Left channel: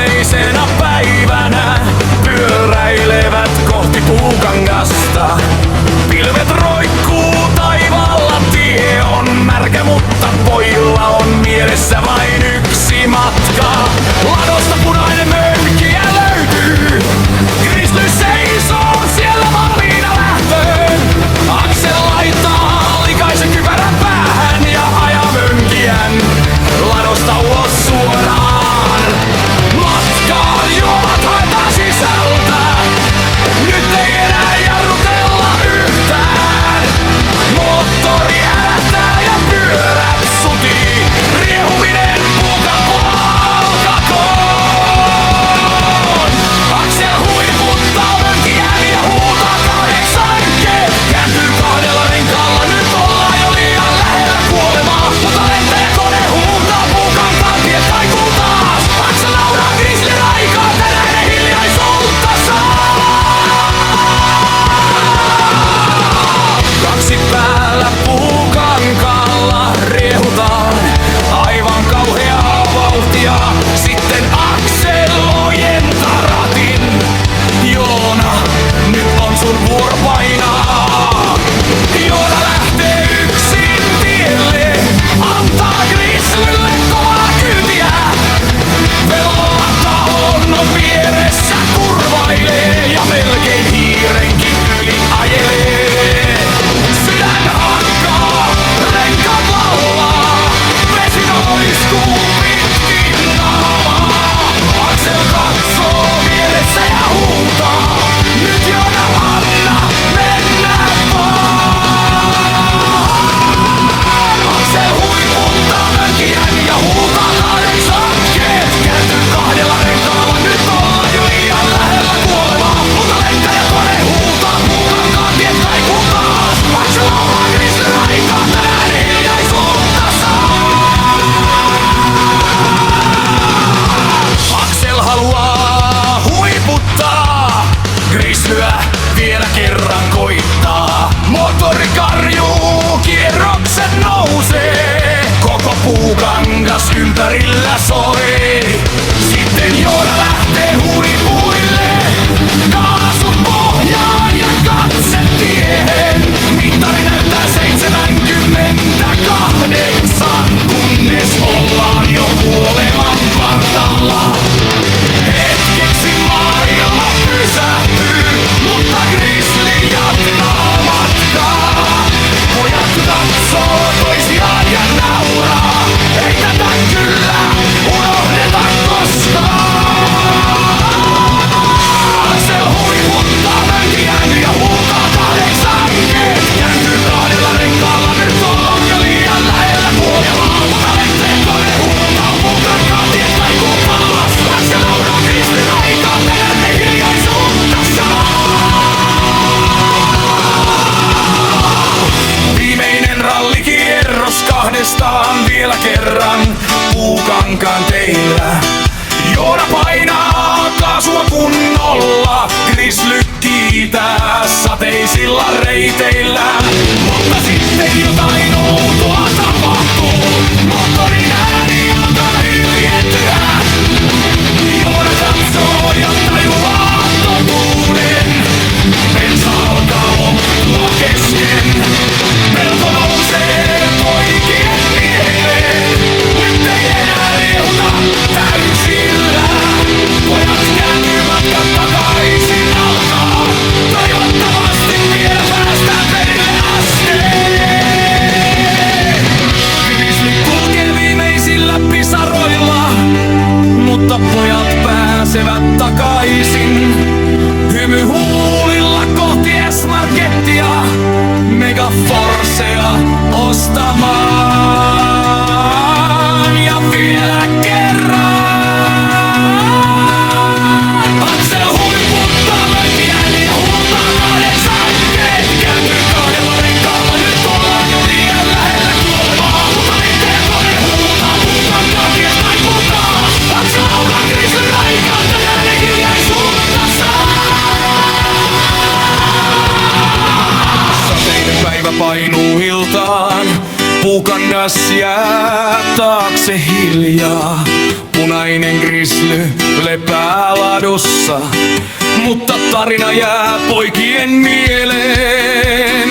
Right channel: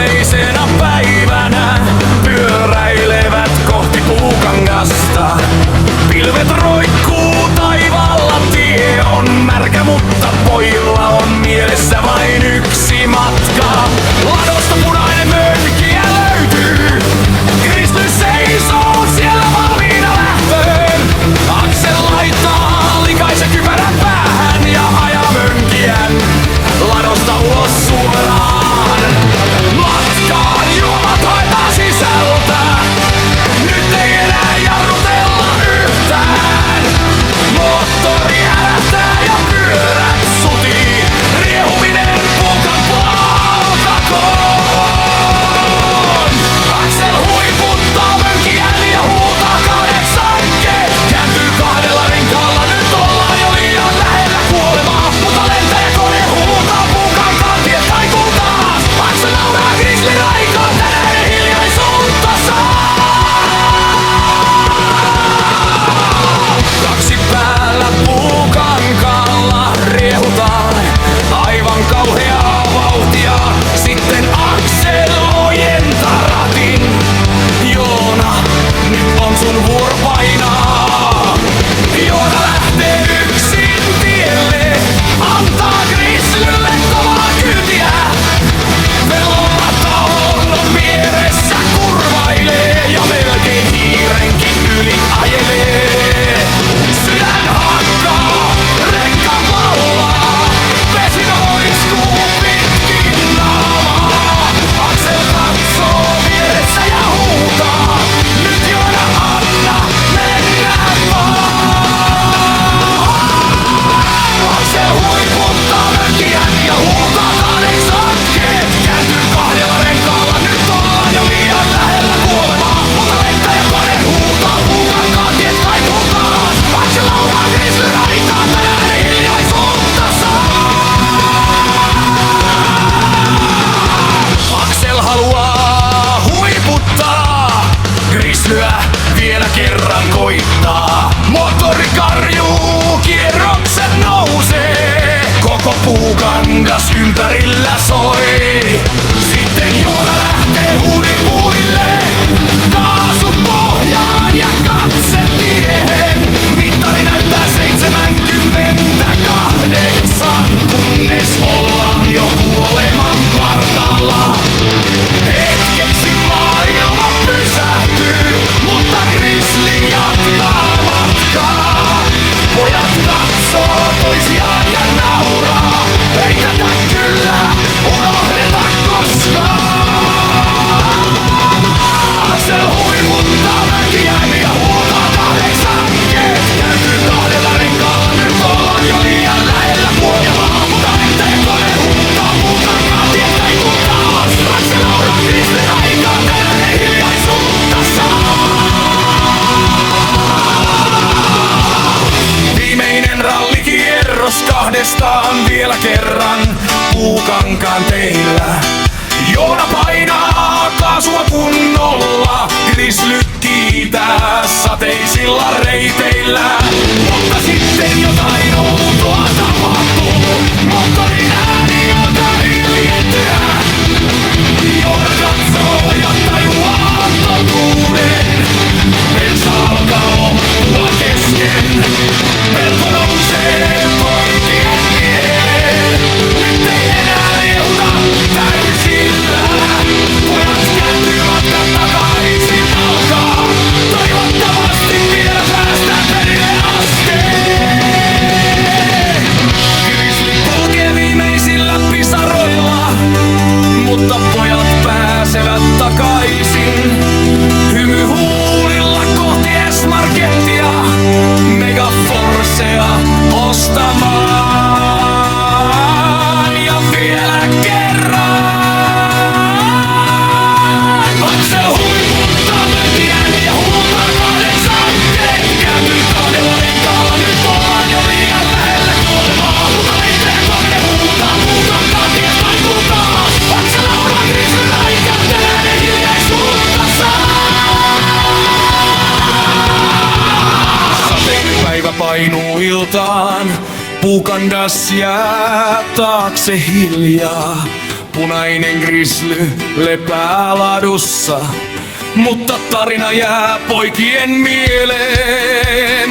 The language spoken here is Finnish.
sateisena päivänä pyöräilevät kohti Puukangasta. Pilvet roikkuu taivaalla, tie on märkä, mutta pojilla on mielessä vain yksi matka. Ladosta punainen mönkijä löytyy, Grizzly seisoo siellä valmiina lähtöön. Aksel laittaa likaisen kypärän päähän ja ajaa mönkijän ladosta ulos suoraan. Matkaan juomat haetaan sisältä, nyt ei enää jarrutella yhtään. Moottori ärähtää ja pyörät sutii, riehuminen Puukan palkakoon. Aksel huiputtaa mönkijän ja huutaa 8 keet. Kääntyy 2 renkaalla, nyt ollaan jo liian lähellä kuolemaa. Mutta lentäjäkone huutaa Puukankaan tiet kaikuu taas. Aksel nauraa Grizzlyn aikaa, tänään ei hiljaisuutta saa. 2 päällä Puukankaalla riehutaan, aivan kauheaa vauhtia. Sitten Aksel ojentaa ratin. Joona, nyt on sun vuoro painaa. Joona lähtee yksin tielle, antaa Grizzlylle kovaa kyytiä. Pellolla talon on vieressä, kurvailee ja melkein hiirenkin yli ajelee. Sydän hakkaa, renkaat laulaa, vesi noistuu pitkin naamaa. Aksel katsoo vieressä ja huutaa, nyt Joona anna mennä vaan. Aksel huiputtaa mönkijän ja huutaa 8 keet. Kääntyy 2 renkaalla, nyt ollaan jo liian lähellä kuolemaa. Mutta lentäjäkone huutaa Puukankaan tiet kaikuu taas. Aksel lauraa Grizzlyn aikaa, tänään ei hiljaisuutta saa. Aksel haluaa huiputtaa, Grizzlyä vielä kerran koittaa. Moottori karjuu, kierrokset nousee, koko Puukangas ympärillä soi. Sitten Joona lähtee huipuille, kaasu pohjaan ja katse tiehen. Mittari näyttää 78, kunnes ollaan jo kuoleman partaalla. Hetkeksi maailma pysähtyy, mutta Grizzly jatkaa matkaa. Pojat katsoo toisiaan ja nauraa, ei tätä kyllä unohdeta koskaan. Aksel huiputtaa mönkijän ja huutaa 8 keet. Kääntyy 2 renkaalla, nyt ollaan jo liian lähellä kuolemaa. Mutta lentäjäkone huutaa Puukankaan tiet kaikuu taas. Aksel lauraa Grizzlyn aikaa, tänään ei hiljaisuutta saa. Viimeinen rallikierros 2 vielä kerran Puukankaan teillä. Joona painaa kaasua kunnolla, Grizzly kiitää sateisilla reiteillä. Mutta sitten jotain outoa tapahtuu, moottorin ääni alkaa hiljentyä. Joona katsoo ja tajuaa totuuden, bensa alkaa loppua kesken. Pelko nousee poikien mieleen, nyt ei enää riehuta täysillä. Pojat kääntyy matkat takaisin alkaa, toivottavasti vielä päästään perille asti. Grizzly kulkee viimeisillä pisaroilla, mutta pojat pääsevät takaisin. Hymy huulilla kohti S-Markettia, Megaforcea ostamaan. Ja vielä kerran Aksel huiputtaa mönkijän ja huutaa 8 keet. Kääntyy 2 renkaalla, nyt ollaan jo liian lähellä kuolemaa. Mutta lentäjäkone huutaa Puukankaan tiet kaikuu taas. Aksel lauraa Grizzlyn aikaa, tänään ei hiljaisuutta saa. Sateinen päivä painuu iltaan, Puukangas jää taakse hiljaa. punainen grisly lepää ladussa, mutta tarina jää poikien mieleen.